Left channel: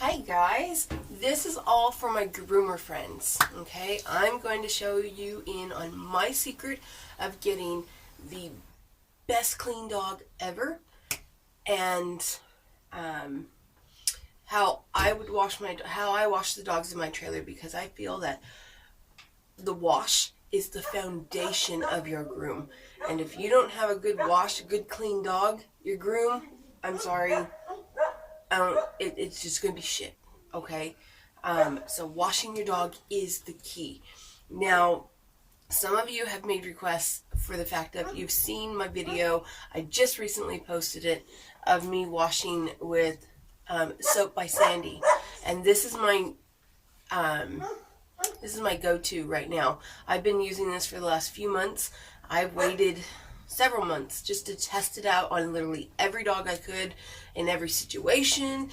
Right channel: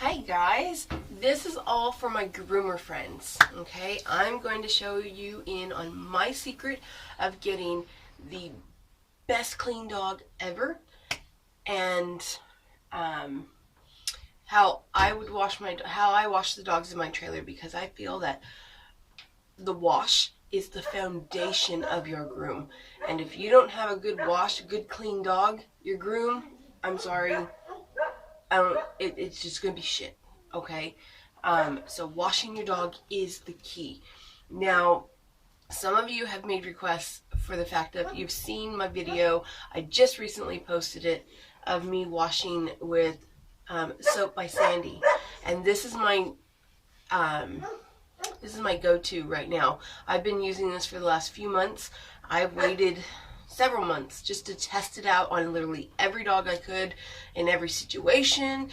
Hi guys, this is all for my groomer friends, okay? I'm going to show you in on my secret of getting the best clean dog ever, and how I wash the dogs in my trailer, because I feel that the wash is the foundation of your groom. And if you don't have a good wash, good clean dog, your groom, I'm sorry, it's just gonna be shit, okay? So washing your dog is the key. Now, some of you have made requests for the fact that you've seen my video. I just recently posted it of me washing with soap by Sandy, and this is my go-to right now. I've been using this for the last few months. I've waited several months just to test it out on literally every dog I could, in every situation,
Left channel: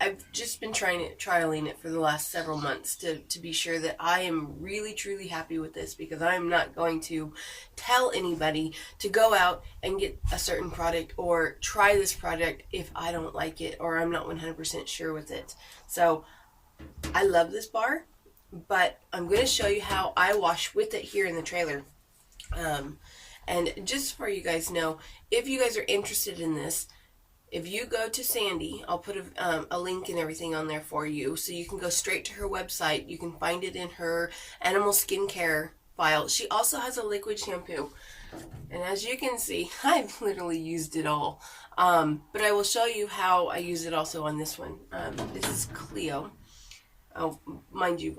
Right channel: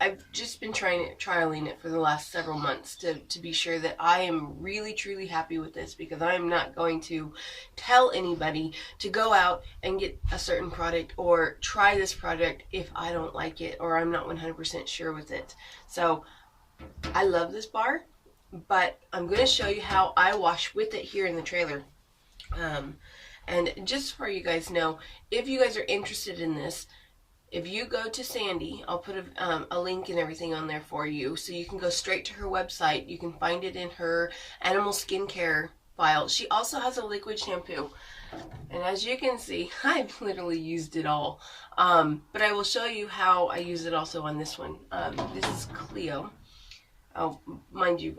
I've just been trialing it for the last several months to be sure that I am really truly happy with this, because I am not going to tell anybody to go out and get a certain product or try this product if I don't like it or I'm not 100% sure with it. So I love this bar, but I'm going to show you how I wash with it here in the trailer. And just for you guys know, if you guys are interested in this, if you go to Sandy, I'll put a link and everything on there for you, so you can go straight to her website. You can find it in her animal skincare file. She also has a liquid shampoo, and as you can see, I've literally used it all. But I will show you how I use it also on this one. This is Cleo. Oh, mind you,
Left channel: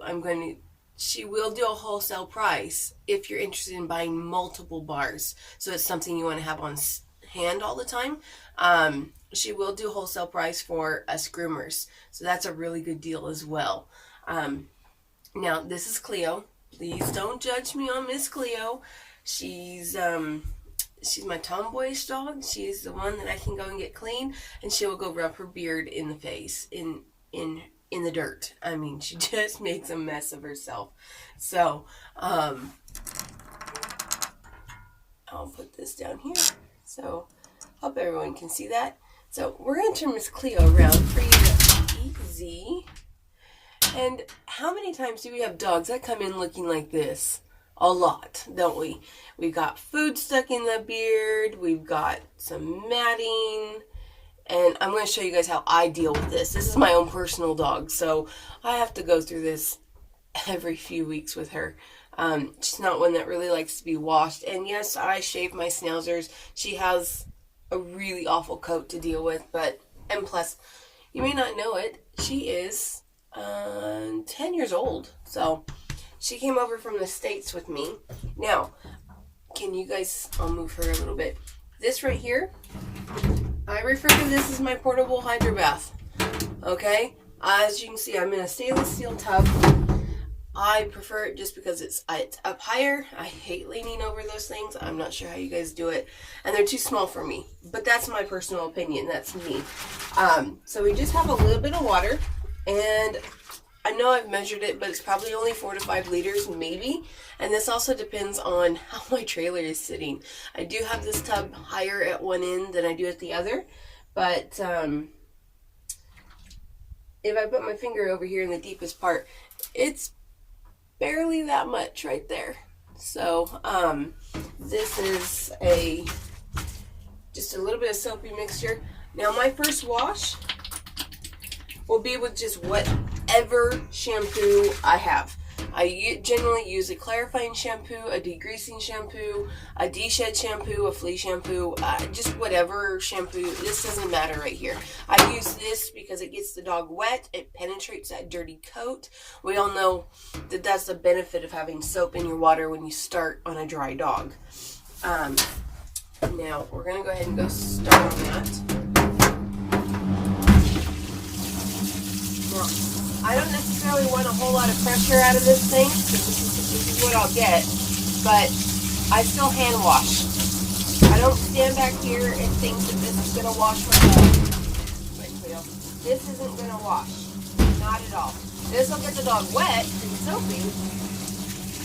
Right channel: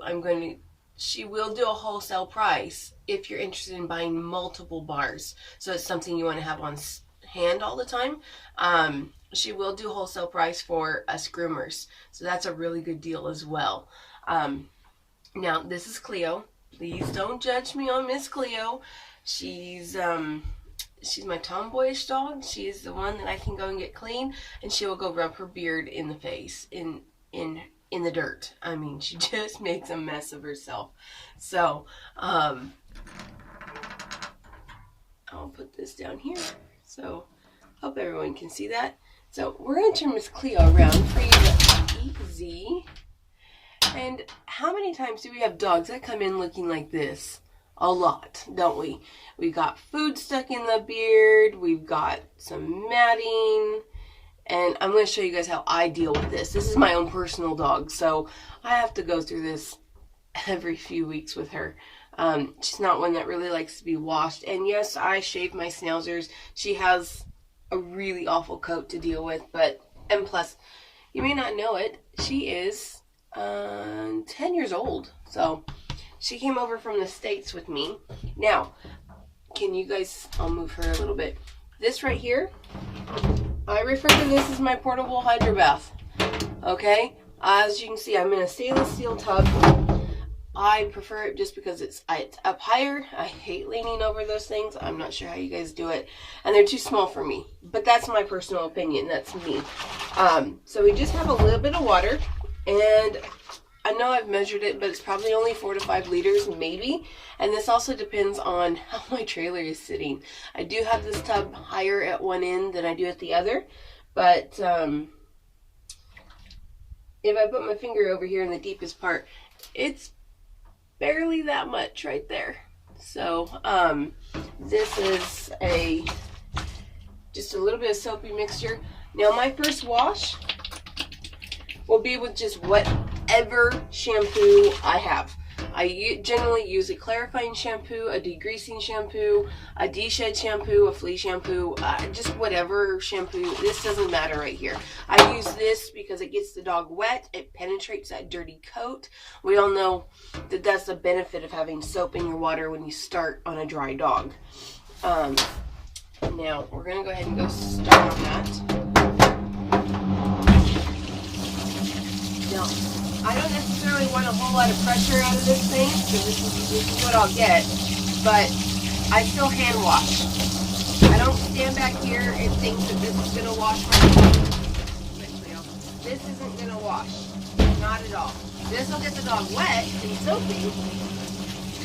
she will do a wholesale price if you're interested in buying multiple bars, so it's something you want to have on hand all the time. She will do wholesale price for us groomers, so that's a really good deal as well. Now, this is Cleo. Please don't judge me on Miss Cleo. She's my tomboyish dog. She's the one that I can go and get clean, and she will go rub her beard in the face, in the dirt. I mean, she just makes a mess of herself. So, I'll put this down here, so hope everyone can see that. So we're going to turn Miss Cleo around for you to easy. And how many times do we have dogs that come in looking like this? A lot, don't we? We've got food stuck in the beard. We've got some matting. And I'm going to show you guys how I deal with this. This is my own personal dog, so I have to go through this every few weeks with her. She's not one that really likes to be washed. And yes, I shave my schnauzers. She has a really awful coat to deal with, and plus, you may not know it, she is 10 years old. So she came over from the States with me. Now, I'll move her a little bit. This right here, I refer to this as my portable hydro bath. Okay? As you can see, I'm in a stainless steel tub. I prefer it just because it's up higher. I hate leaning over those things. I'm not sure how you guys do it. And they're too small for me. But that's my personal opinion. That's me. So we just have a little bit of water. And I know I've measured it, but it's probably only 4 to 5 liters, maybe. And this also depends on how my trailer is sitting. I do have this tub higher at one end than I do at the other. But if I put my finger over here in the deepest part, it's barely that much right there. So this is just a little bit of soapy mixture. Now, my first wash will be with just whatever shampoo I have. I generally use a clarifying shampoo, a degreasing shampoo, a de-shed shampoo, a flea shampoo, just whatever shampoo. This doesn't matter right here. I use this because it gets the dog wet. It penetrates that dirty coat. We all know that that's the benefit of having soap in your water when you start on a dry dog. Now, we're going to go ahead and start on that. Now, I don't necessarily want a whole lot of pressure out of this thing, because this is what I'll get, but I still hand wash. I don't stand back here and think that this is going to wash my dog. This isn't going to wash. Not at all. This will get the dog wet and soapy,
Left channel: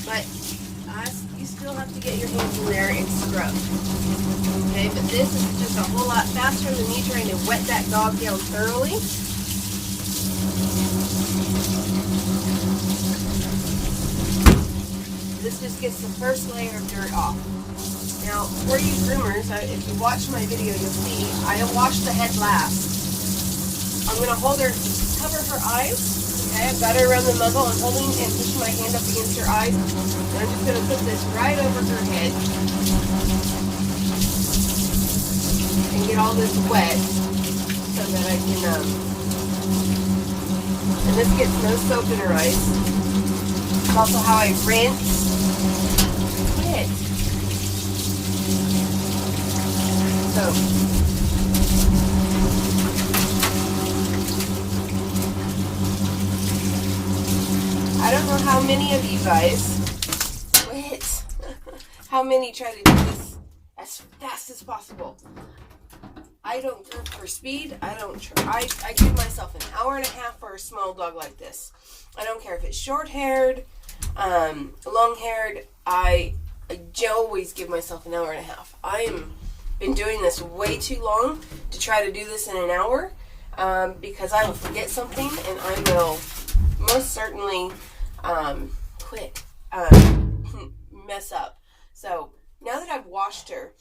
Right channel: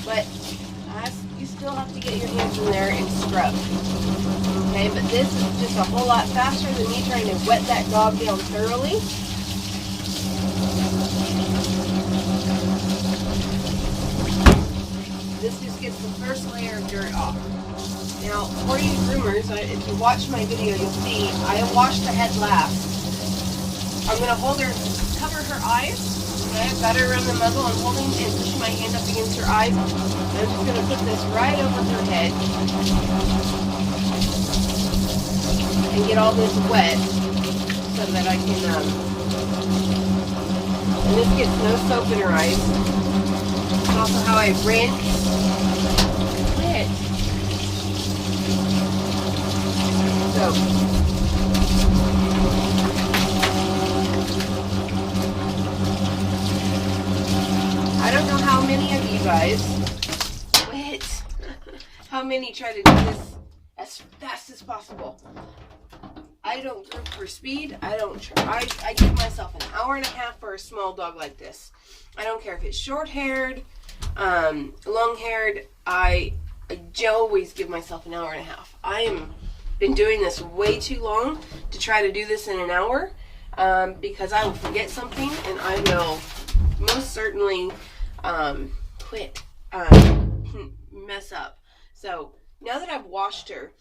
but You still have to get your hands in there and scrub. Okay, but this is just a whole lot faster than me trying to wet that dog down thoroughly. This just gets the first layer of dirt off. Now, for you groomers, if you watch my video, you'll see I wash the head last. I'm going to hold her, cover her eyes. Okay, I've got her around the muzzle. I'm holding and pushing my hand up against her eyes. And I'm just going to put this right over her head and get all this wet so that I can, and this gets no soap in her eyes. It's also how I rinse. Quit. So, I don't know how many of you guys quit. How many try to do this as fast as possible. I don't go for speed. I don't try. I give myself an hour and a half for a small dog like this. I don't care if it's short-haired, long-haired. I always give myself an hour and a half. I am been doing this way too long to try to do this in an hour because I will forget something and I will most certainly quit, mess up. So now that I've washed her,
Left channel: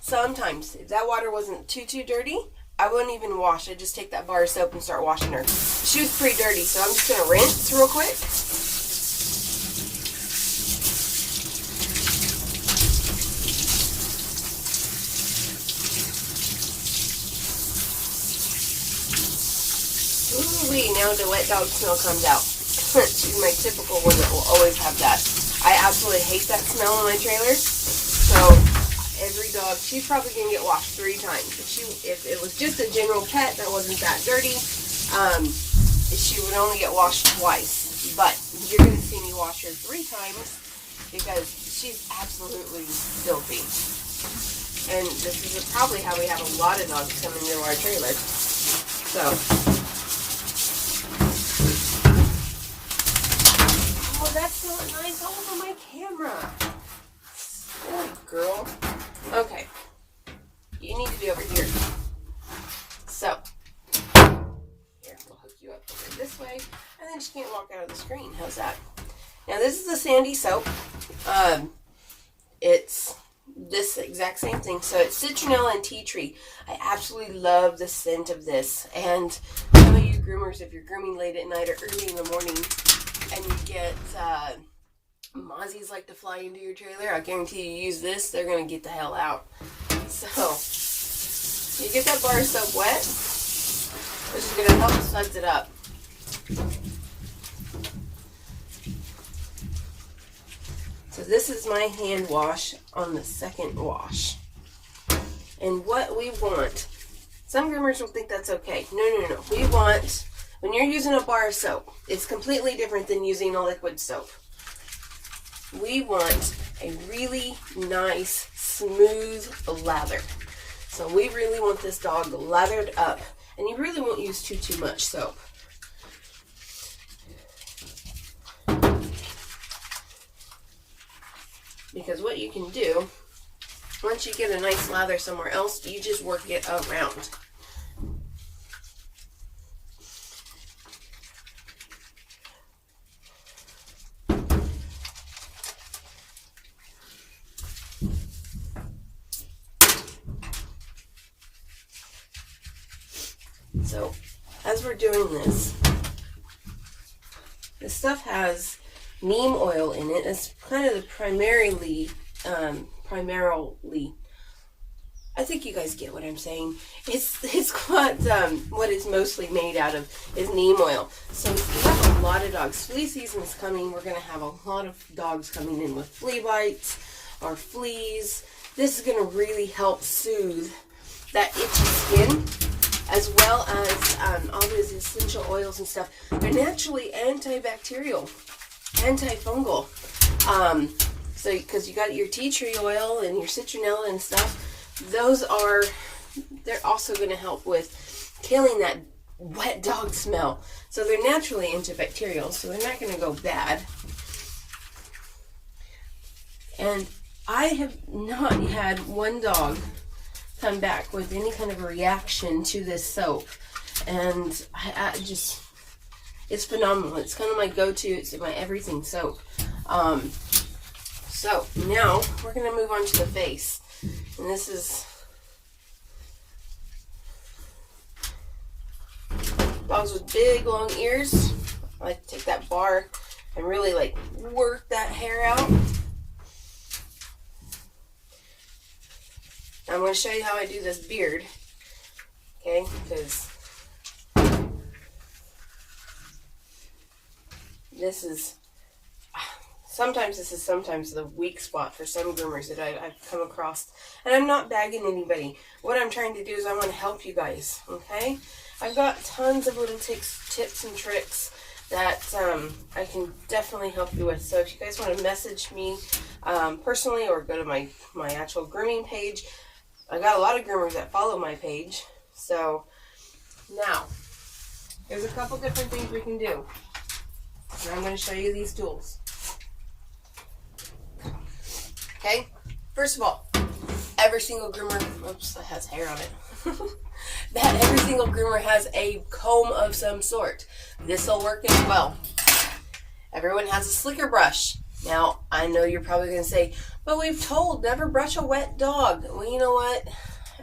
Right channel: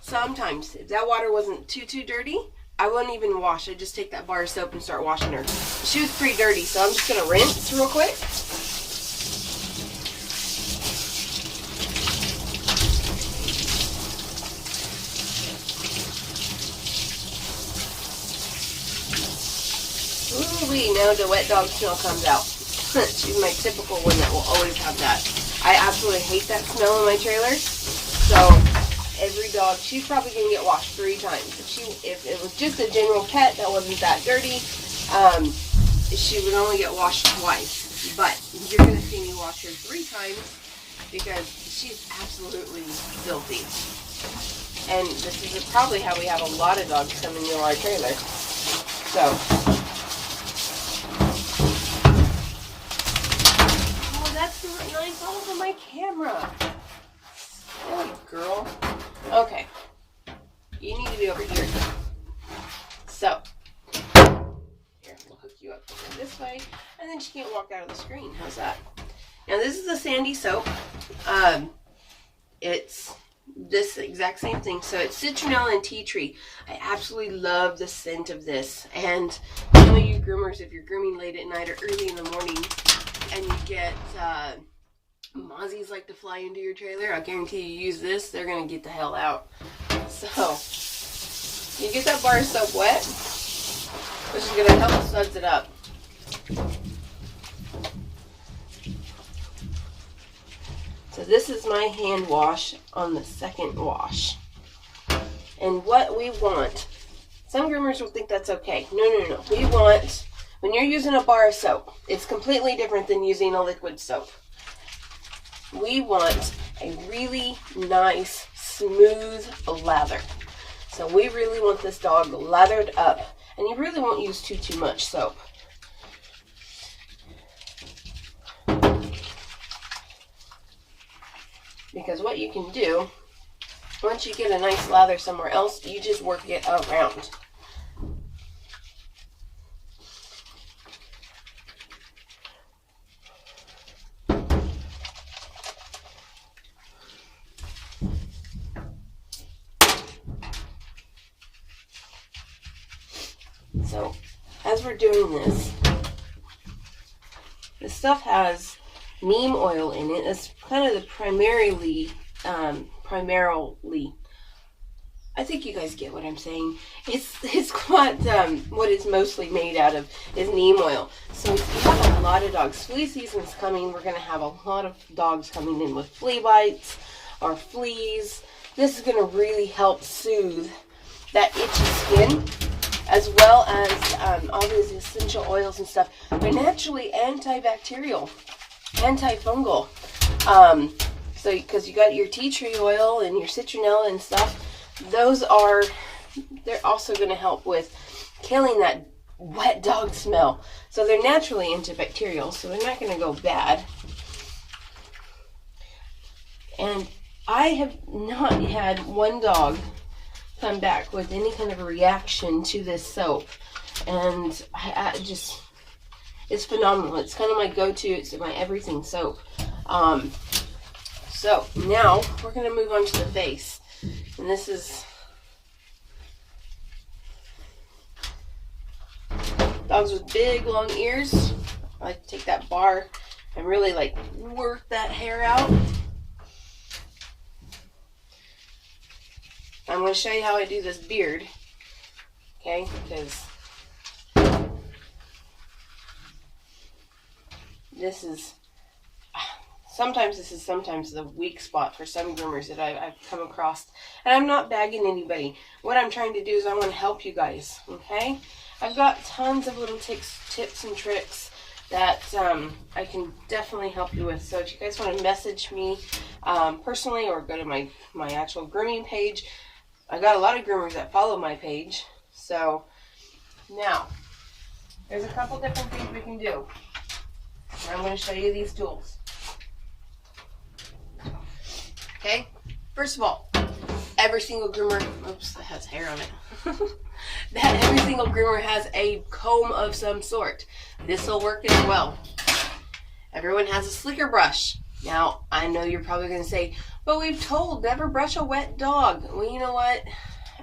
sometimes if that water wasn't too dirty, I wouldn't even wash. I'd just take that bar of soap and start washing her. She was pretty dirty, so I'm just going to rinse real quick. Ooh-wee, now the wet dog smell comes out. She's my typical one that will always have that. I absolutely hate that smell in my trailer. So every dog, she's probably going to get washed 3 times. If it was just a general pet that wasn't that dirty, she would only get washed twice. But you're going to see me wash her 3 times because she's absolutely filthy. And this is probably how we have a lot of dogs coming into our trailer. So, oh, that's not nice all over my camera. Silly girl. Okay. You need to be over here. So, here, we'll hook you up this way, and then she can't walk out of the screen. How's that? Now, this is the Sandy soap. It's this exact same thing. So, it's citronella and tea tree. I absolutely love the scent of this. And some of you groomers, if you're grooming late at night or early in the morning, and you get mozzies like to fly into your trailer, I guarantee you use this, they're going to get the hell out. So, you get that bar of soap wet, which is going to help suds it up. So this is my hand wash on the second wash. And what we want, some groomers will think that's okay. No. We want, when you're using a bar of soap, it's completely different than using a liquid soap. We want a really nice, smooth lather. So we really want this dog lathered up. And you really won't use too much soap. Because what you can do, once you get a nice lather somewhere else, you just work it around. So, as we're doing this stuff has neem oil in it. It's kind of the primarily, I think you guys get what I'm saying. It's what it's mostly made out of is neem oil. So if you have a lot of dogs, flea season's coming. We're going to have a lot of dogs coming in with flea bites or fleas. This is going to really help soothe that itchy skin, as well as all these essential oils and stuff. They're naturally antibacterial, antifungal. So because you got your tea tree oil and your citronella and stuff, they're also going to help with killing that wet dog smell. So they're naturally antibacterial, so they're not going to go bad. And I have not had one dog come back with any kind of a reaction to this soap. And I just, it's phenomenal. It's kind of my go-to. It's my everything soap. So now we're going to move on to the face. And this is dogs with big, long ears. I like to take that bar and really like work that hair out. I'm going to show you how I do this beard. Okay, because this is sometimes the weak spot for some groomers that I've come across. And I'm not bagging anybody. What I'm trying to do is I want to help you guys, okay? I've got tons of little tips and tricks that I can definitely help you with. So if you guys want to message me personally or go to my actual grooming page, I got a lot of groomers that follow my page. So now, there's a couple different things we can do. And I'm going to show you these tools. Okay, first of all, every single groomer, oops, that has hair on it. That every single groomer has a comb of some sort. This will work as well. Everyone has a slicker brush. Now, I know you're probably going to say, but we've told never brush a wet dog. Well, you know what?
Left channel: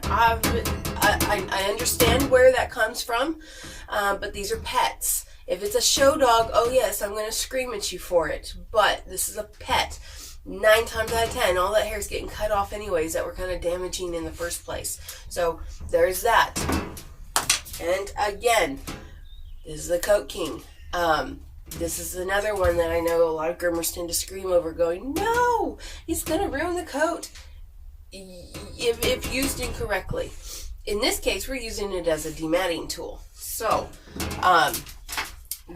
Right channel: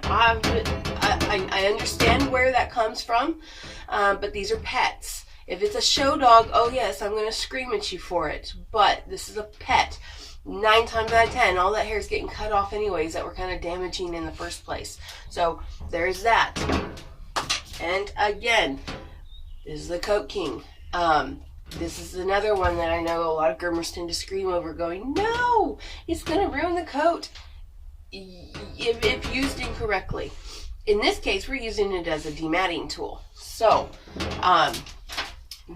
I understand where that comes from, but these are pets. If it's a show dog, oh yes, I'm going to scream at you for it. But this is a pet. 9 times out of 10, all that hair is getting cut off anyways that were kind of damaging in the first place. So there's that. And again, this is the Coat King. This is another one that I know a lot of groomers tend to scream over going, no, it's going to ruin the coat if used incorrectly. In this case, we're using it as a dematting tool. So,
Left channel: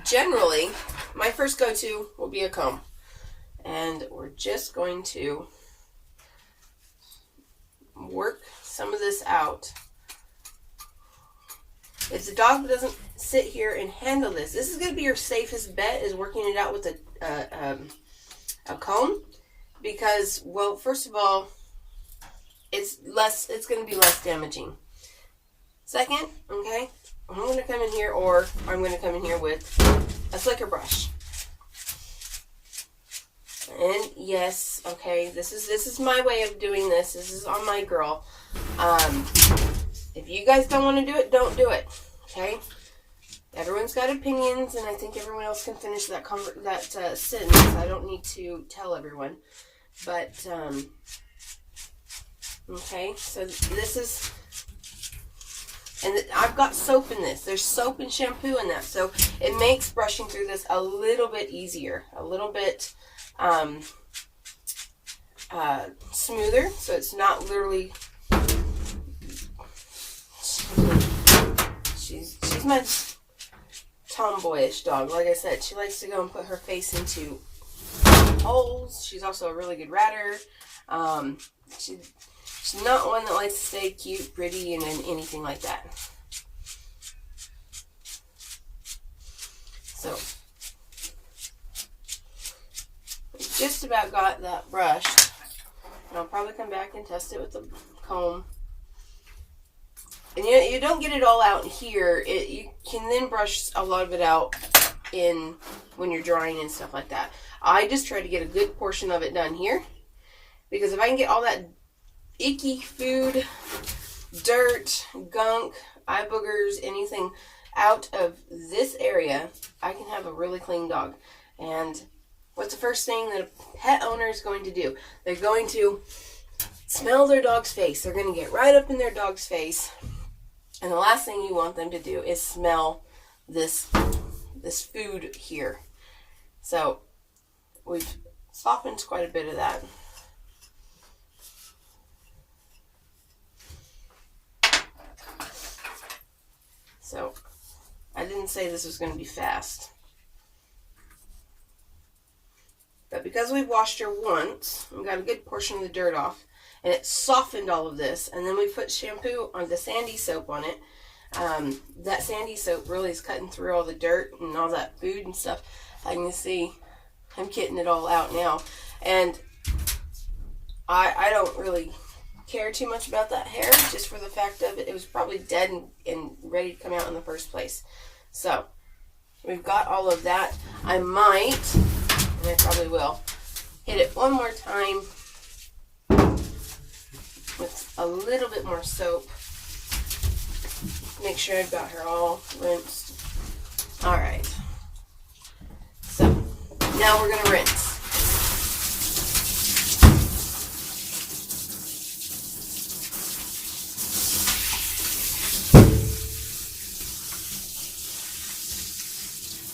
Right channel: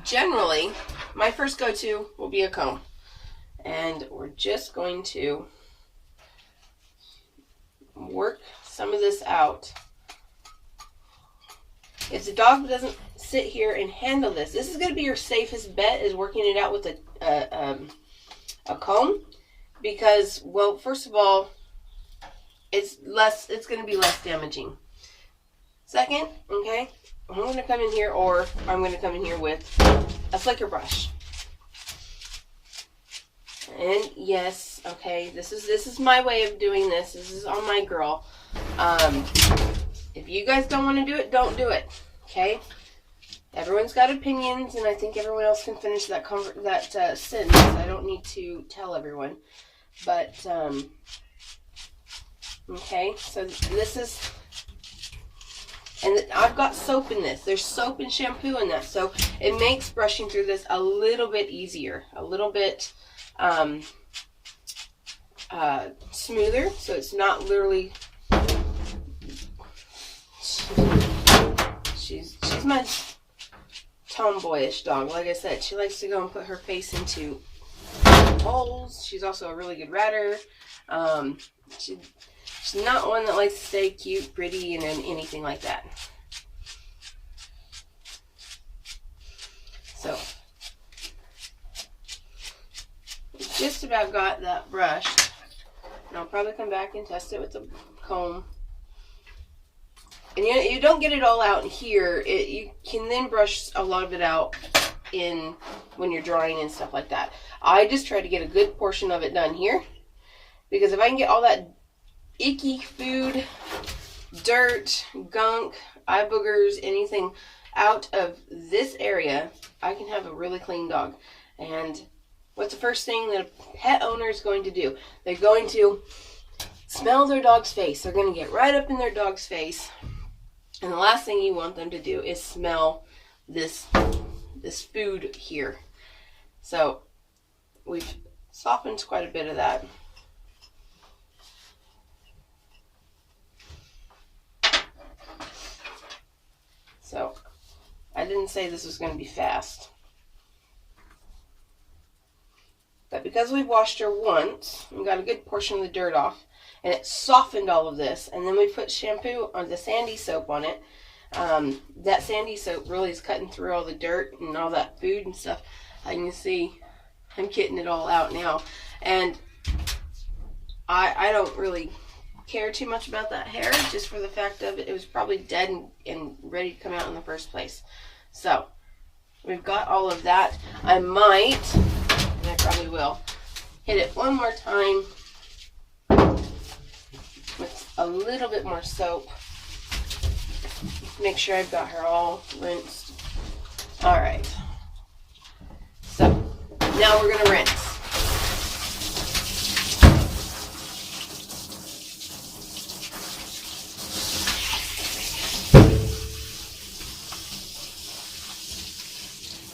generally, my first go-to will be a comb. And we're just going to work some of this out. If the dog doesn't sit here and handle this, this is going to be your safest bet, is working it out with a comb. Because, well, first of all, it's going to be less damaging. Second, okay, I'm going to come in here, or I'm going to come in here with a slicker brush. And yes, okay, this is my way of doing this. This is on my girl. If you guys don't want to do it, don't do it. Okay? Everyone's got opinions, and I think everyone else can finish that sentence. I don't need to tell everyone. But, okay, so this is, and I've got soap in this. There's soap and shampoo in that, so it makes brushing through this a little bit easier, a little bit smoother, so it's not literally, she's my tomboyish dog. Like I said, she likes to go and put her face into holes. She's also a really good ratter. She's not one that likes to stay cute, pretty, and anything like that. So just about got that brushed, and I'll probably come back and test it with the comb. And you don't get it all out here. You can then brush a lot of it out in when you're drying and stuff like that. I just try to get a good portion of it done here, because if I can get all that icky food, dirt, gunk, eye boogers, anything out of this area, I can have a really clean dog. And what's the first thing that a pet owner is going to do? They're going to smell their dog's face. They're going to get right up in their dog's face. And the last thing you want them to do is smell this food here. So we've softened quite a bit of that. So I didn't say this was going to be fast. But because we've washed her once, we got a good portion of the dirt off, and it softened all of this, and then we put shampoo on the sandy soap on it. That sandy soap really is cutting through all the dirt and all that food and stuff. I can see I'm getting it all out now. And I don't really care too much about that hair, just for the fact of it was probably dead and ready to come out in the first place. So we've got all of that. I might, and I probably will, hit it one more time with a little bit more soap. Make sure I've got her all rinsed. All right. So now we're gonna rinse.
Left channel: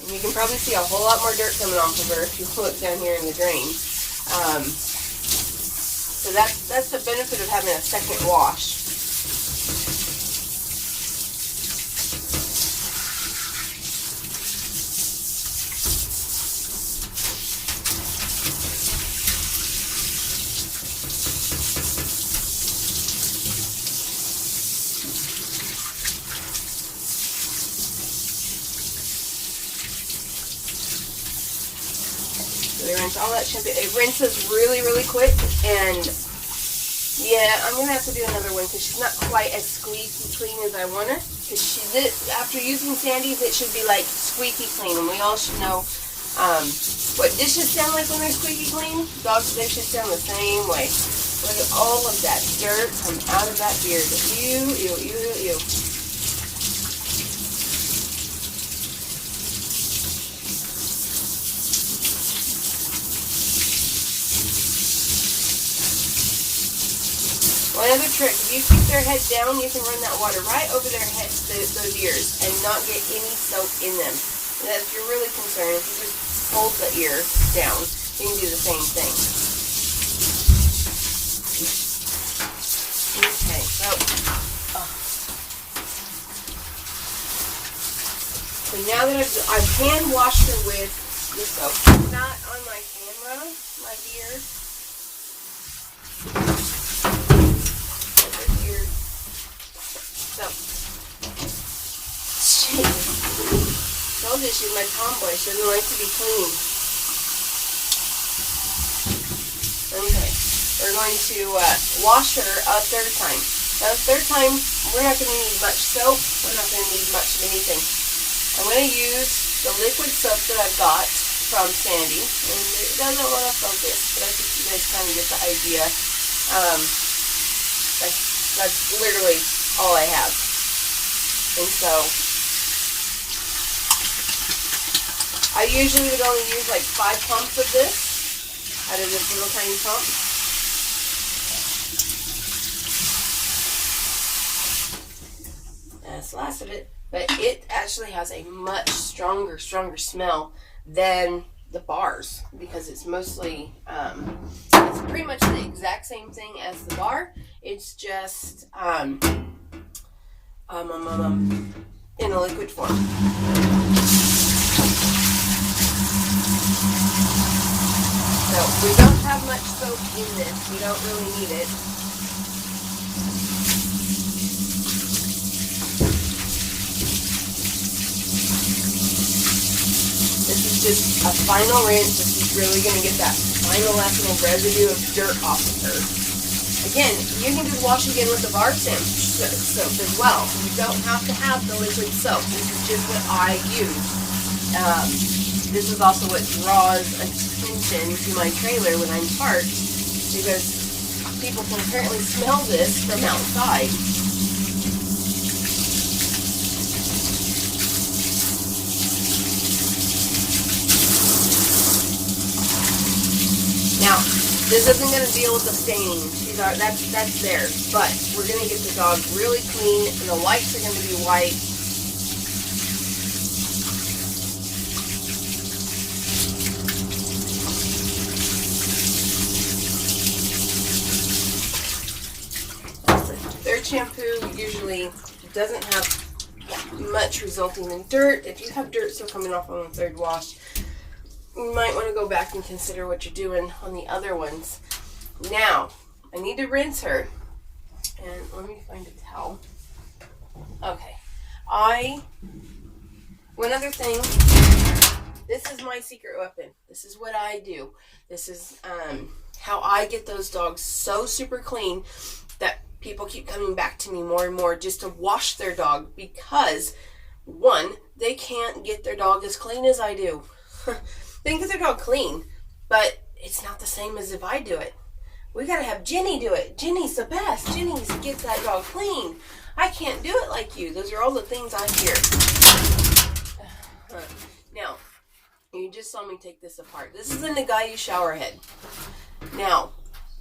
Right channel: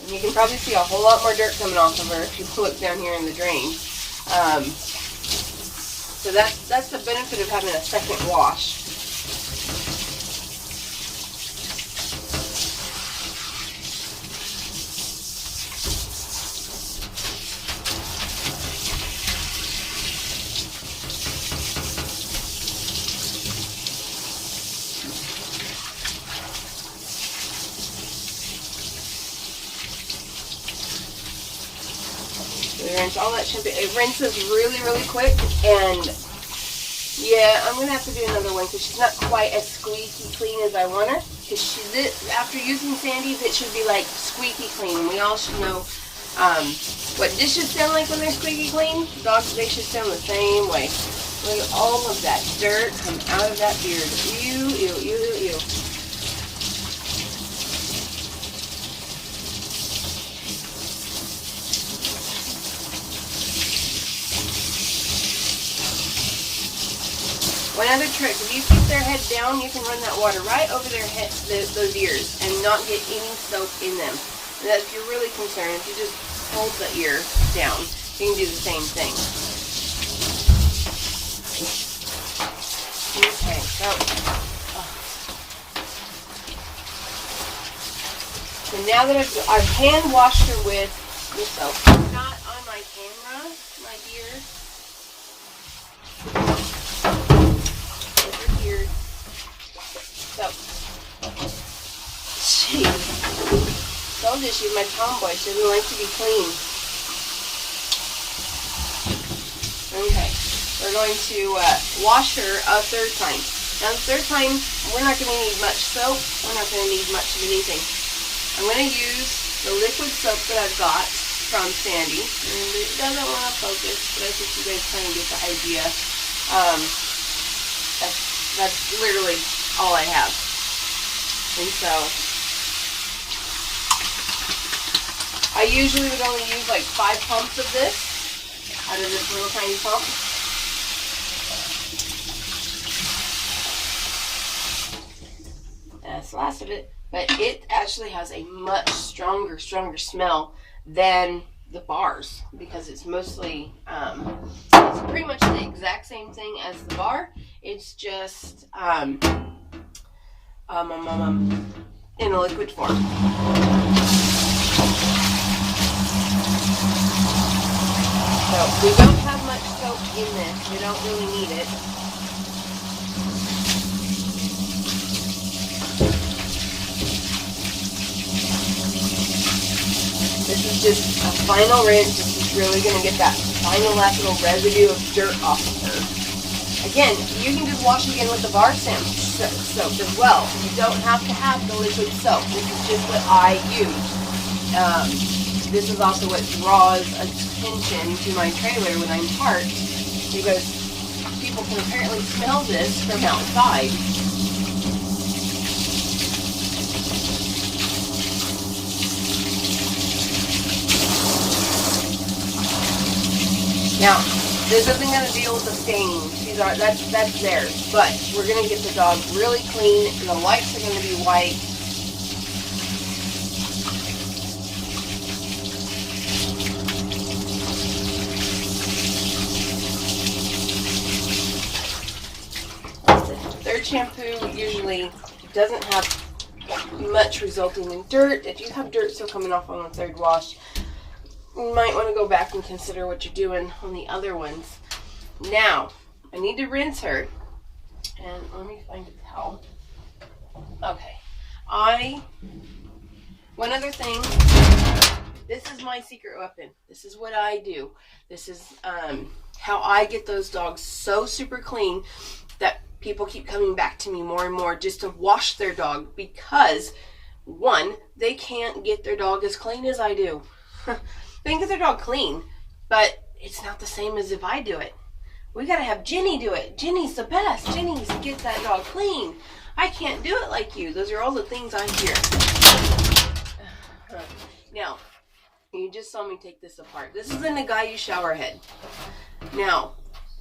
You can probably see a whole lot more dirt coming off of her if you look down here in the drain. So that's the benefit of having a second wash. We rinse all that shampoo. It rinses really, really quick, and yeah, I'm gonna have to do another one because she's not quite as squeaky clean as I want her. Because after using Sandy's, it should be like squeaky clean, and we all should know what dishes sound like when they're squeaky clean. Dogs, they should sound the same way. Look at all of that dirt come out of that beard. Ew, ew, ew, ew. One other trick, if you keep their head down, you can run that water right over their head, those ears, and not get any soap in them. And if you're really concerned, if you just hold the ear down, you can do the same thing. Okay, so now that I've hand washed her with the soap, not on my camera, my ear. So, she told you she's my tomboy. She doesn't like to be clean. Okay, we're going to wash her a third time. Now, the third time, we're not going to need much soap. We're not going to need much of anything. I'm going to use the liquid soap that I've got from Sandy. And it doesn't want to focus, but I think you guys kind of get the idea. That's literally all I have. And so I usually would only use like 5 pumps of this out of this little tiny pump. That's the last of it. But it actually has a much stronger smell than the bars, because it's mostly it's pretty much the exact same thing as the bar. It's just in a liquid form. So we don't have much soap in this. We don't really need it. This is just a final rinse. This is really going to get that final last little residue of dirt off of her. Again, you can just wash again with the bar soap as well. You don't have to have the liquid soap. This is just what I use. This is also what draws attention to my trailer when I'm parked, because people can apparently smell this from outside. Now, this isn't going to deal with the stains. That's theirs. But we're going to get the dog really clean, and the wipes are going to be white. Their shampoo usually doesn't have much resulting in dirt. If you have dirt still coming off on the third wash, you might want to go back and consider what you're doing on the other ones. Now, I need to rinse her. And let me find a towel. Okay. One other thing This is my secret weapon. This is what I do. This is how I get those dogs so super clean that people keep coming back to me more and more just to wash their dog, because one, they can't get their dog as clean as I do. They can get their dog clean, but it's not the same as if I do it. We gotta have Jenny do it. Jenny's the best. Jenny gets that dog clean. I can't do it like you. Those are all the things I hear. Now, you just saw me take this apart. This is the Nagayu shower head. Now,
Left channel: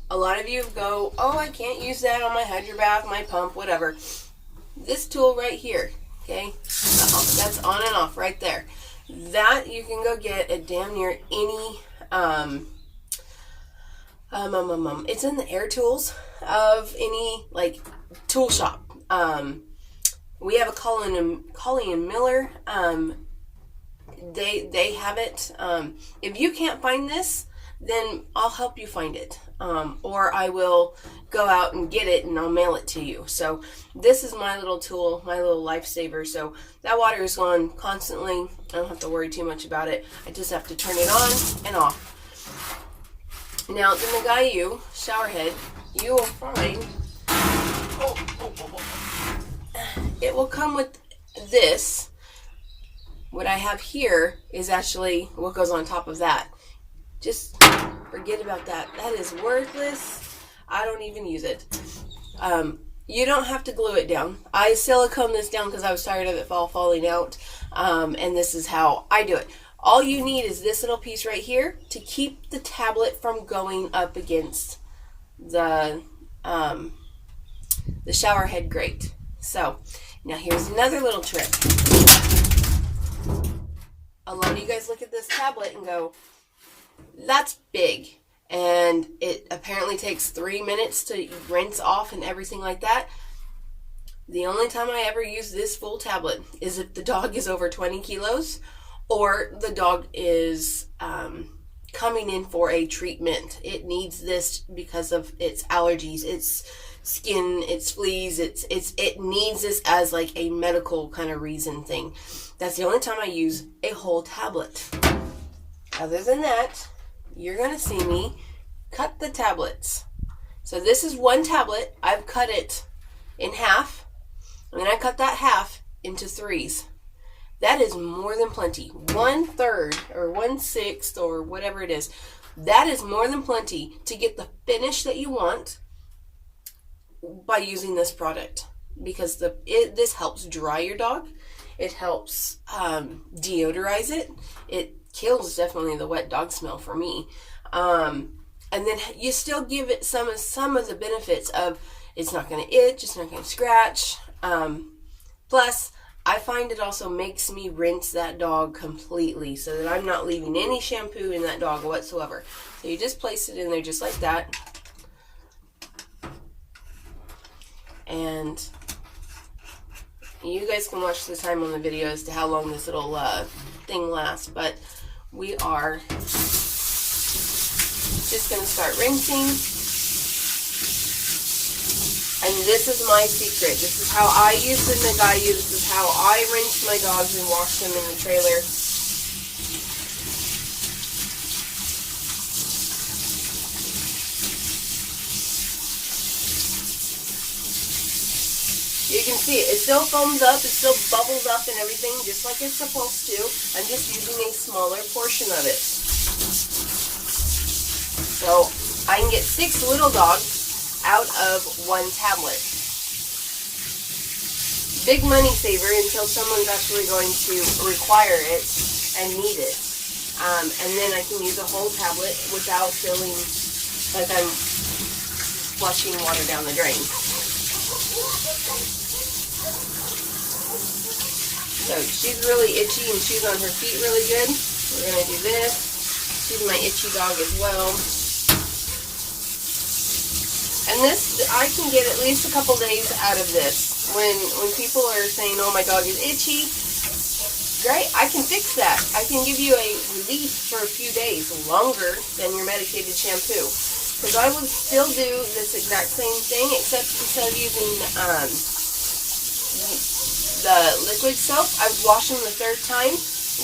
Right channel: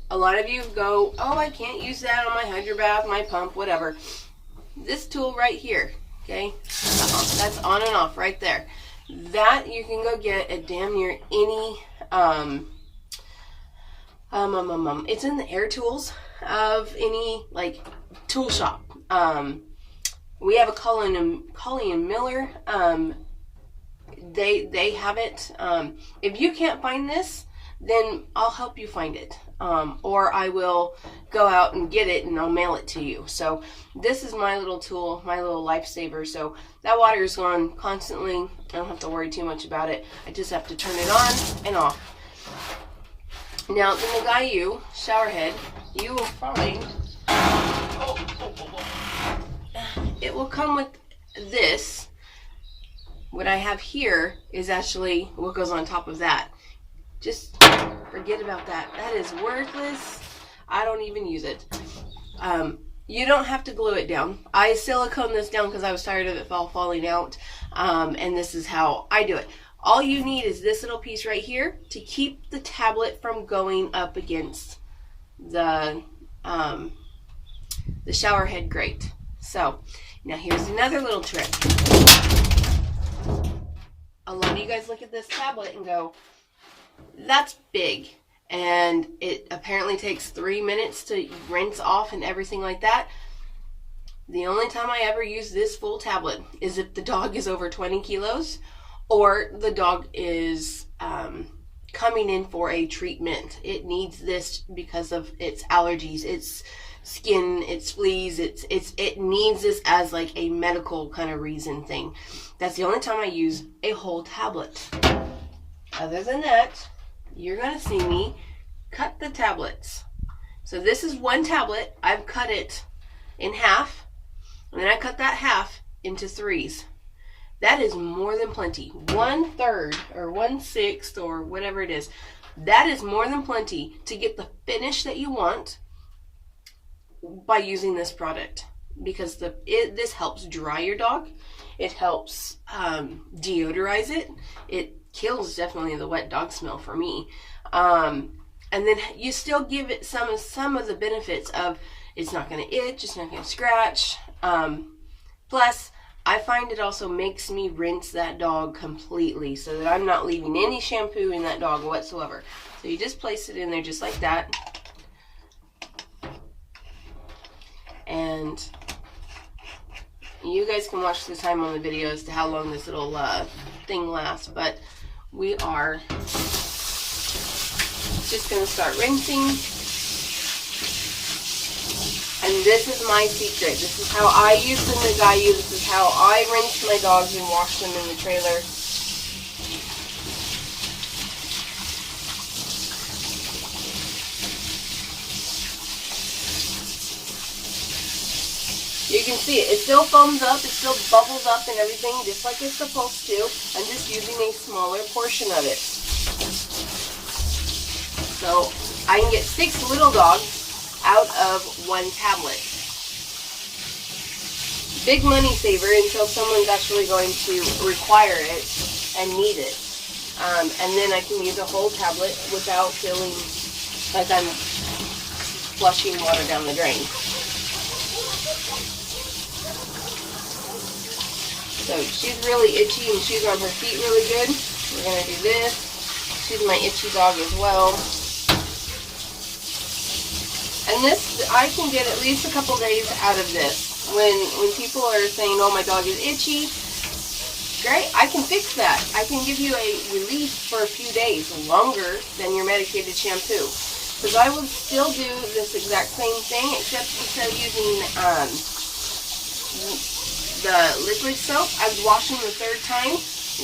a lot of you go, oh, I can't use that on my hydro bath, my pump, whatever. This tool right here, okay? That's on and off right there. That you can go get at damn near any, it's in the air tools of any, like, tool shop. We have a Colleen and Miller. They have it. If you can't find this, then I'll help you find it. Or I will go out and get it and I'll mail it to you. So this is my little tool, my little lifesaver. So that water is on constantly. I don't have to worry too much about it. I just have to turn it on and off. Now, the Nagayu shower head, you will find, it will come with this. What I have here is actually what goes on top of that. Just forget about that. That is worthless. I don't even use it. You don't have to glue it down. I silicone this down because I was tired of it all falling out. And this is how I do it. All you need is this little piece right here to keep the tablet from going up against the shower head grate. So, now here's another little trick. A lot of you guys look at this tablet and go, that's big. And it apparently takes 3 minutes to rinse off and everything like that. The only time I ever use this full tablet is if the dog is over 20 kilos or the dog is coming in for a treatment. It needs this because of its allergies, its skin, its fleas, it needs this as like a medical kind of reason thing. That's the only time I use a whole tablet. Other than that, you're going to see me cut the tablets. So this is one tablet. I've cut it in half, and then I cut that half into threes. That is more than plenty. 1/3 or 1/6 or whatever it is. That is more than plenty to get the finish that you want by using this product, because this helps dry your dog. It helps deodorize it. It kills definitely the wet dog smell for me. And then you still give it some of the benefits of it's not going to itch, it's not going to scratch. Plus, I find it also makes me rinse that dog completely so that I'm not leaving any shampoo in that dog whatsoever. So you just place it in there just like that. And you guys can watch the time on the video as to how long this little thing lasts, but we are just going to start rinsing. And this is my secret. This is how I use the Nagayu. This is how I rinse my dogs and wash them in the trailer. You can see it still foams up, it still bubbles up and everything just like it's supposed to. I'm just using a smaller portion of it. So I can get 6 little dogs out of 1 tablet. Big money saver until someone's actually going to require it and need it. And then I can use a whole tablet without feeling like I'm flushing water down the drain. So she's really itchy and she's on her feet really good. We're going to do this. She's my itchy dog as well. And this, I can get at least a couple days out of this. When people are saying, oh, my dog is itchy, great, I can fix that. I can give you a relief for a few days, longer than your medicated shampoo. Because I would still do this exact same thing, except instead of using the liquid soap, I would wash them the 3rd time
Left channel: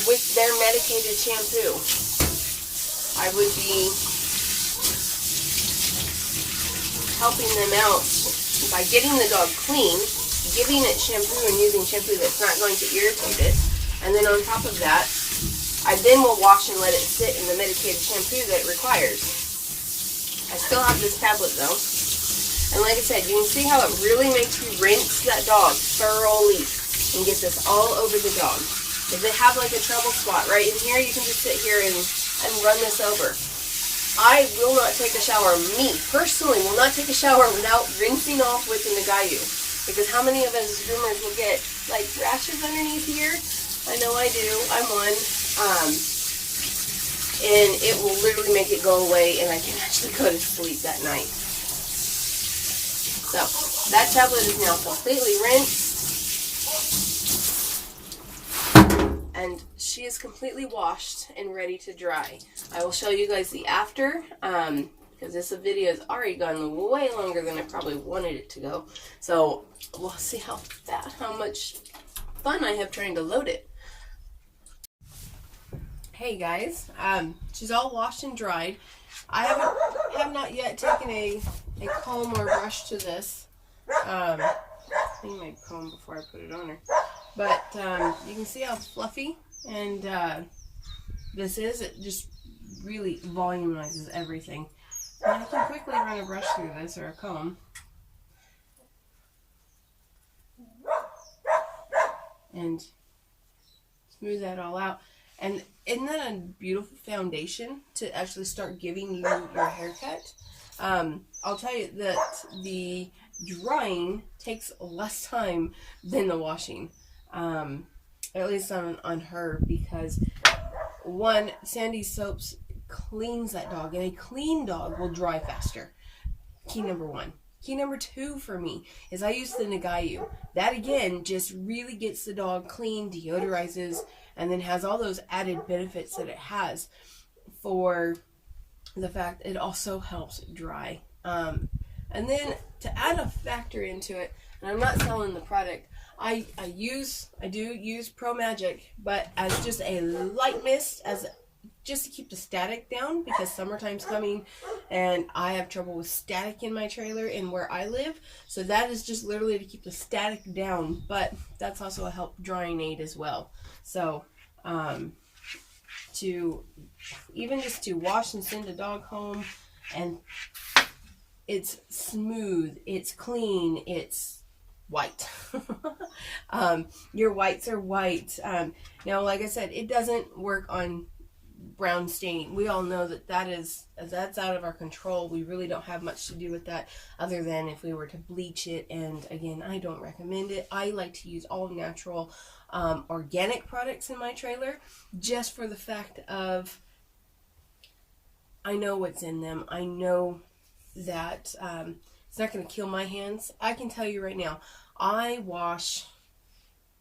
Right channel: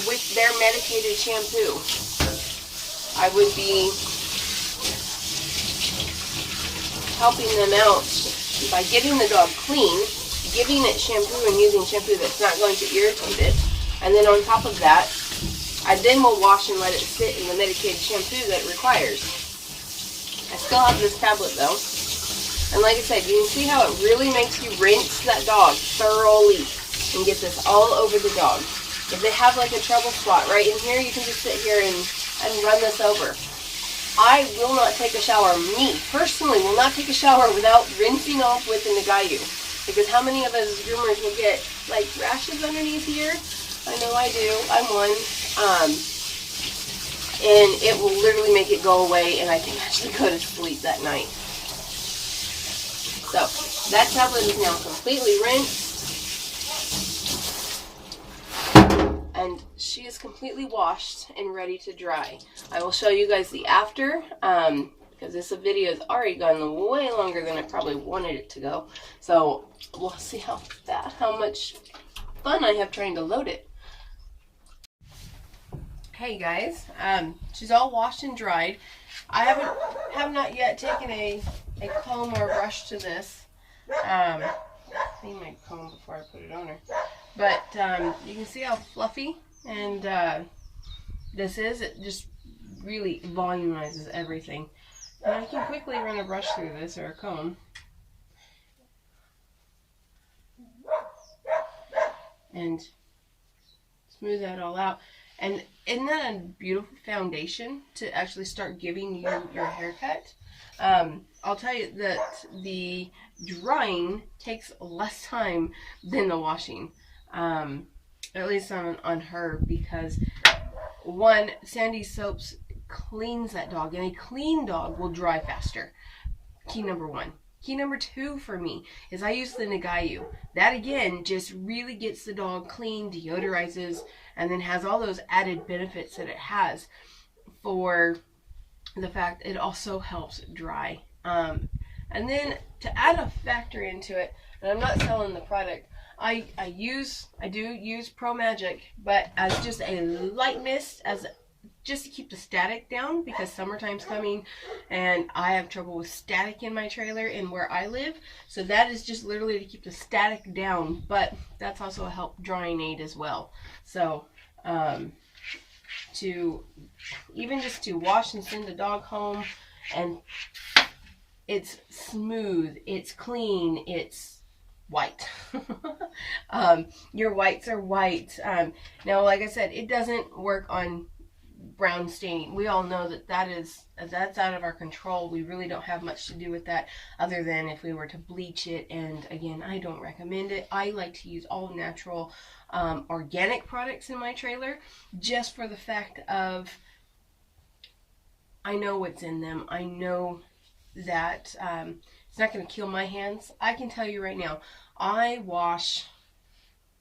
with their medicated shampoo. I would be helping them out by getting the dog clean, giving it shampoo and using shampoo that's not going to irritate it. And then on top of that, I then will wash and let it sit in the medicated shampoo that it requires. I still have this tablet though. And like I said, you can see how it really makes you rinse that dog thoroughly and get this all over the dog. If they have like a trouble spot right in here, you can just sit here and run this over. I will not take a shower. Me, personally, will not take a shower without rinsing off with the Nagayu. Because how many of us as groomers will get like rashes underneath here? I know I do. I'm one. And it will literally make it go away and I can actually go to sleep that night. So, that tablet is now completely rinsed. And she is completely washed and ready to dry. I will show you guys the after, because this video has already gone way longer than I probably wanted it to go. So, we'll see how much fun I have trying to load it. Hey guys, she's all washed and dried. I have not yet taken a comb or brush to this. I think I'd comb before I put it on her. But you can see how fluffy and this is. It just really volumizes everything. And I can quickly run a brush through this or a comb. And smooth that all out. And isn't that a beautiful foundation to actually start giving you your haircut? I'll tell you that the drying takes less time than the washing. At least on her, because one, Sandy Soaps cleans that dog, and a clean dog will dry faster. Key number one. Key number two for me is I use the Nagayu. That again just really gets the dog clean, deodorizes, and then has all those added benefits that it has for the fact it also helps dry. And then to add a factor into it, and I'm not selling the product, I do use Pro Magic, but as just a light mist, just to keep the static down, because summertime's coming and I have trouble with static in my trailer and where I live. So that is just literally to keep the static down, but that's also a help drying aid as well. So to even just to wash and send the dog home, and it's smooth, it's clean, it's white. Your whites are white. Now, like I said, it doesn't work on brown stain. We all know that's out of our control. We really don't have much to do with that, other than if we were to bleach it. And again, I don't recommend it. I like to use all natural organic products in my trailer, just for the fact of I know what's in them. I know that it's not going to kill my hands. I can tell you right now, I wash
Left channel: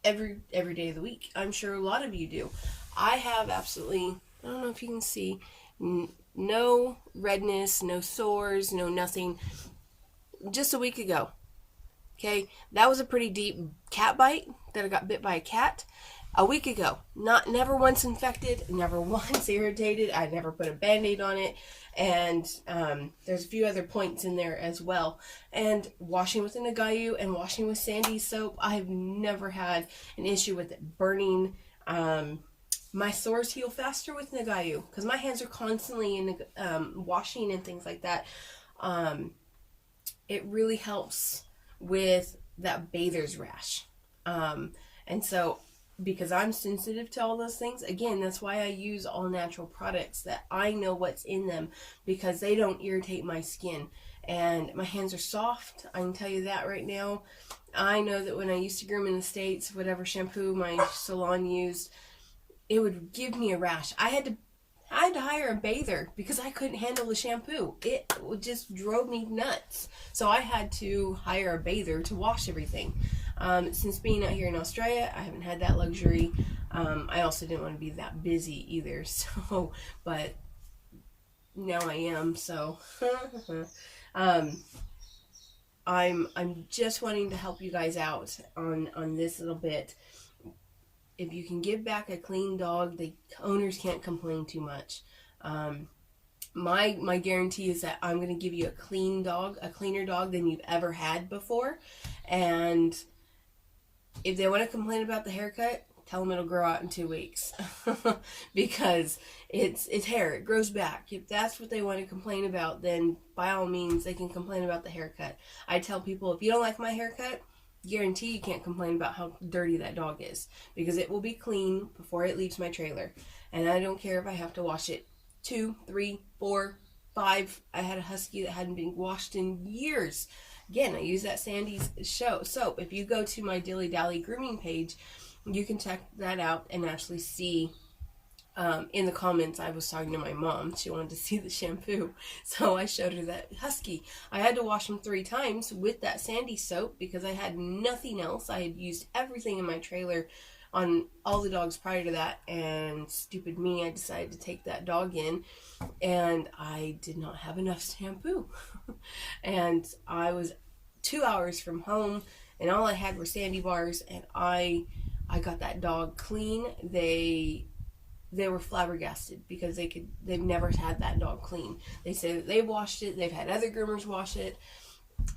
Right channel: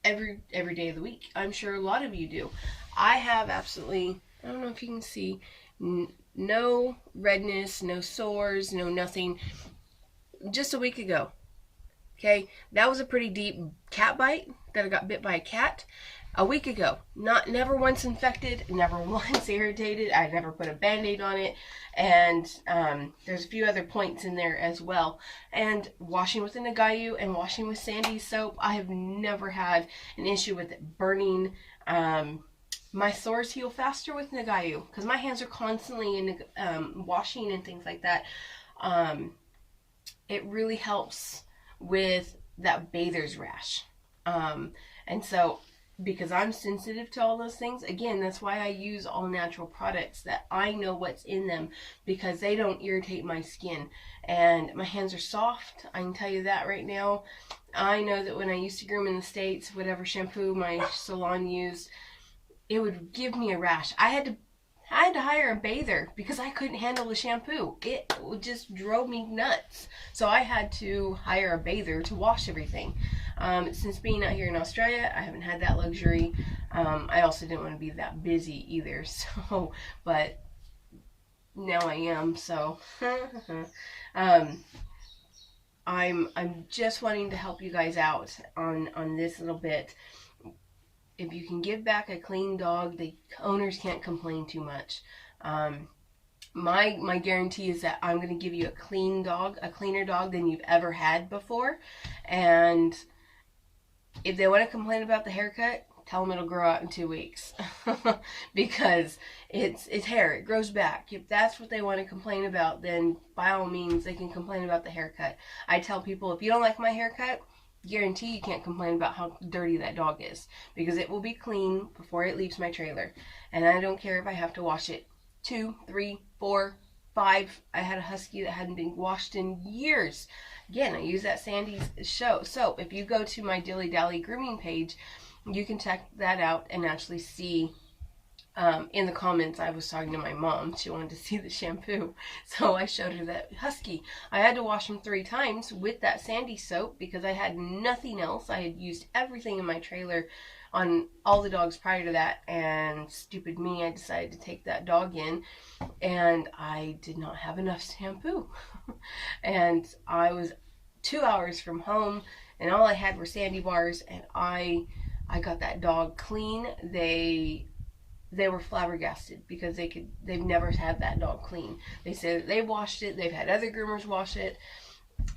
every day of the week. I'm sure a lot of you do. I have absolutely, I don't know if you can see, no redness, no sores, no nothing. Just a week ago. Okay, that was a pretty deep cat bite that I got bit by a cat a week ago. Never once infected, never once irritated. I never put a band-aid on it. And there's a few other points in there as well. And washing with the Nagayu and washing with Sandy soap, I have never had an issue with it burning. My sores heal faster with Nagayu because my hands are constantly in washing and things like that. It really helps with that bather's rash. And so, because I'm sensitive to all those things, again, that's why I use all natural products that I know what's in them, because they don't irritate my skin. And my hands are soft, I can tell you that right now. I know that when I used to groom in the States, whatever shampoo my salon used, it would give me a rash. I had to hire a bather because I couldn't handle the shampoo. It just drove me nuts. So I had to hire a bather to wash everything. Since being out here in Australia, I haven't had that luxury. I also didn't want to be that busy either. So, but now I am. So, I'm just wanting to help you guys out on this little bit. if you can give back a clean dog, the owners can't complain too much. My guarantee is that I'm going to give you a clean dog, a cleaner dog than you've ever had before. And if they want to complain about the haircut, tell them it'll grow out in 2 weeks. Because it's hair, it grows back. If that's what they want to complain about, then by all means they can complain about the haircut. I tell people, if you don't like my haircut, guarantee you can't complain about how dirty that dog is, because it will be clean before it leaves my trailer. And I don't care if I have to wash it 2, 3, 4, 5. I had a husky that hadn't been washed in years. Again, I use that Sandy's soap. If you go to my Dilly Dally grooming page, you can check that out and actually see. In the comments, I was talking to my mom. She wanted to see the shampoo, so I showed her that husky. I had to wash him 3 times with that Sandy soap because I had nothing else. I had used everything in my trailer on all the dogs prior to that, and stupid me, I decided to take that dog in, and I did not have enough shampoo. And I was 2 hours from home, and all I had were Sandy bars, and I got that dog clean. They were flabbergasted because they've never had that dog clean. They said that they washed it, they've had other groomers wash it.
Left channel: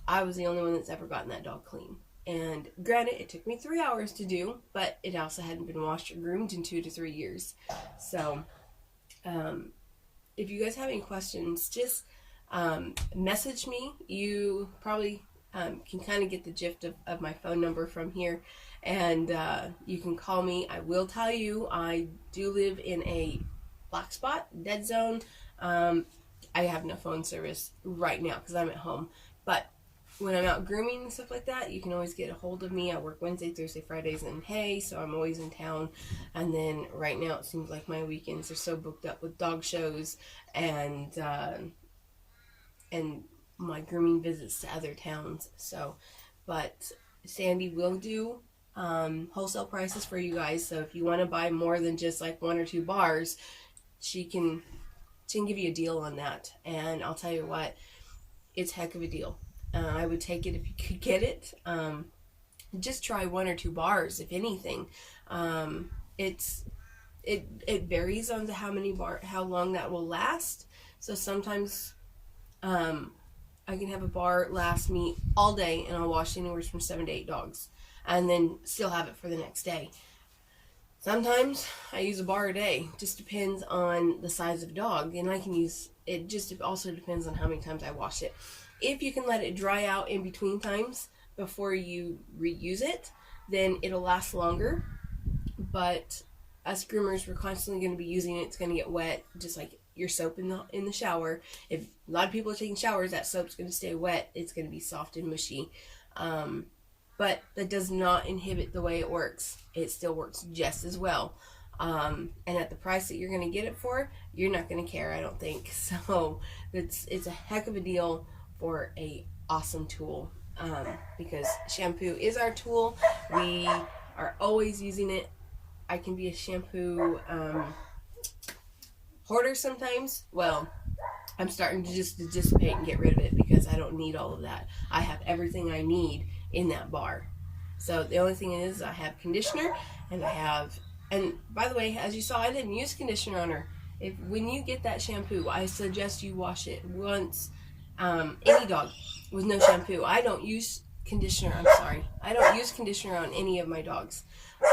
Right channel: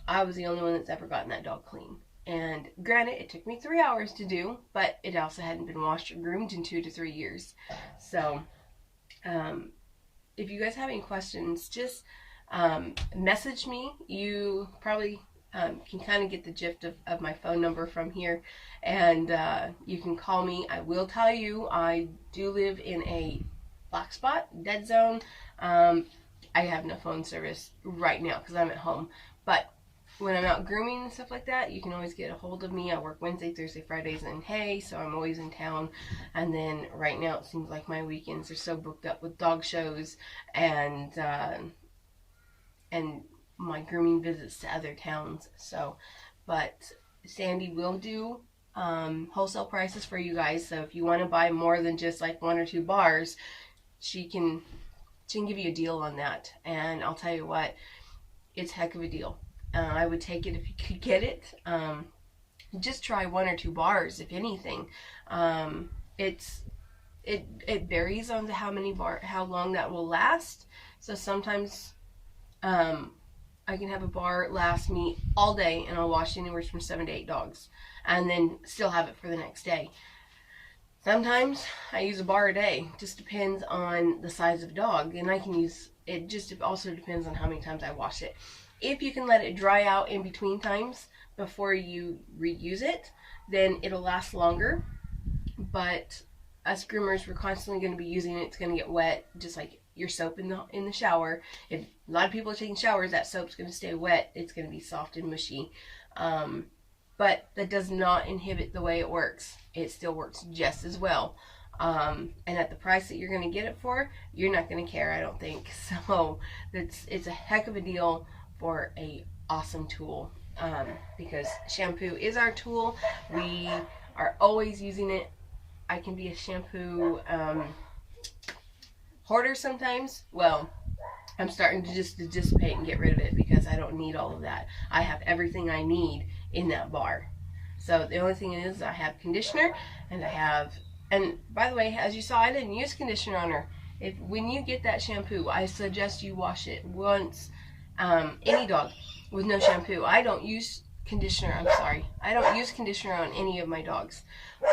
I was the only one that's ever gotten that dog clean. And granted, it took me 3 hours to do, but it also hadn't been washed or groomed in 2 to 3 years. So, if you guys have any questions, just message me. You probably can kind of get the gist of my phone number from here, and you can call me. I will tell you, I do live in a black spot, dead zone. I have no phone service right now because I'm at home, but when I'm out grooming and stuff like that, you can always get a hold of me. I work Wednesday, Thursday, Fridays in Hay, so I'm always in town. And then right now it seems like my weekends are so booked up with dog shows and my grooming visits to other towns. So, but Sandy will do wholesale prices for you guys. So if you want to buy more than just like 1 or 2 bars, she can give you a deal on that. And I'll tell you what, it's a heck of a deal. I would take it if you could get it. Just try 1 or 2 bars, if anything. It varies on how long that will last. So sometimes I can have a bar last me all day, and I'll wash anywhere from 7 to 8 dogs, and then still have it for the next day. Sometimes I use a bar a day. Just depends on the size of dog, and I can use it. Just also depends on how many times I wash it. If you can let it dry out in between times before you reuse it, then it'll last longer. But us groomers, we're constantly going to be using it. It's going to get wet, just like your soap in the shower. If a lot of people are taking showers, that soap's going to stay wet. It's going to be soft and mushy. But that does not inhibit the way it works. It still works just as well. And at the price that you're going to get it for, you're not going to care, I don't think. So it's a heck of a deal for a awesome tool, because shampoo is our tool. We are always using it. I can be a shampoo hoarder sometimes. Well, I'm starting to just dissipate and get rid of it because I don't need all of that. I have everything I need in that bar. So the only thing is, I have conditioner, and and by the way, as you saw, I didn't use conditioner on her. When you get that shampoo, I suggest you wash it once. Any dog with no shampoo. I don't use conditioner. I don't use conditioner on any of my dogs.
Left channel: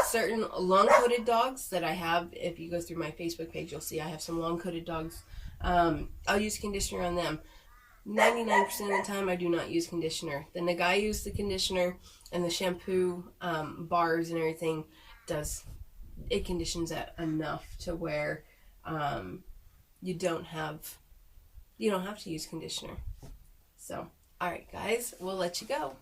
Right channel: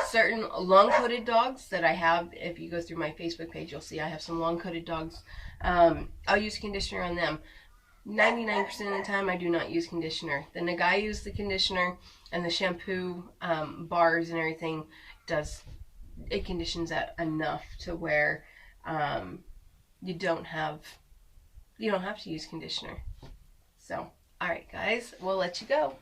Certain long-coated dogs that I have, if you go through my Facebook page, you'll see I have some long-coated dogs. I'll use conditioner on them. 99% of the time, I do not use conditioner. Then the guy used the conditioner, and the shampoo bars and everything it conditions that enough to where you don't have to use conditioner. So, alright guys, we'll let you go.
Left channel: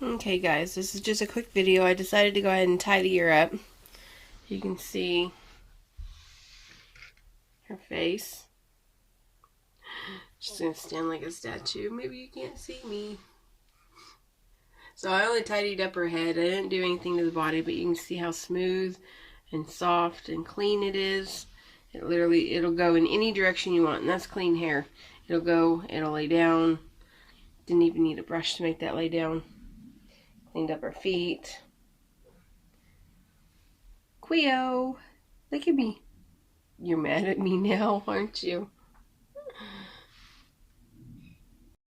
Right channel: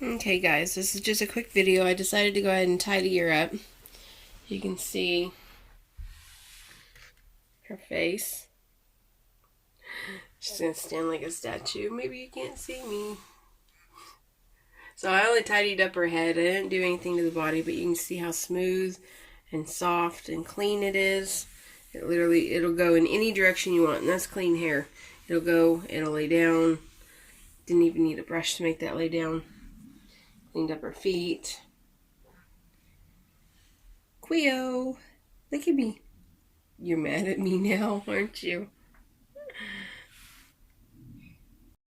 Okay guys, this is just a quick video. I decided to go ahead and tidy her up. You can see her face. She's gonna stand like a statue. Maybe you can't see me. So I only tidied up her head. I didn't do anything to the body, but you can see how smooth and soft and clean it is. It'll go in any direction you want, and that's clean hair. It'll lay down. Didn't even need a brush to make that lay down. Cleaned up her feet. Quio, look at me. You're mad at me now, aren't you?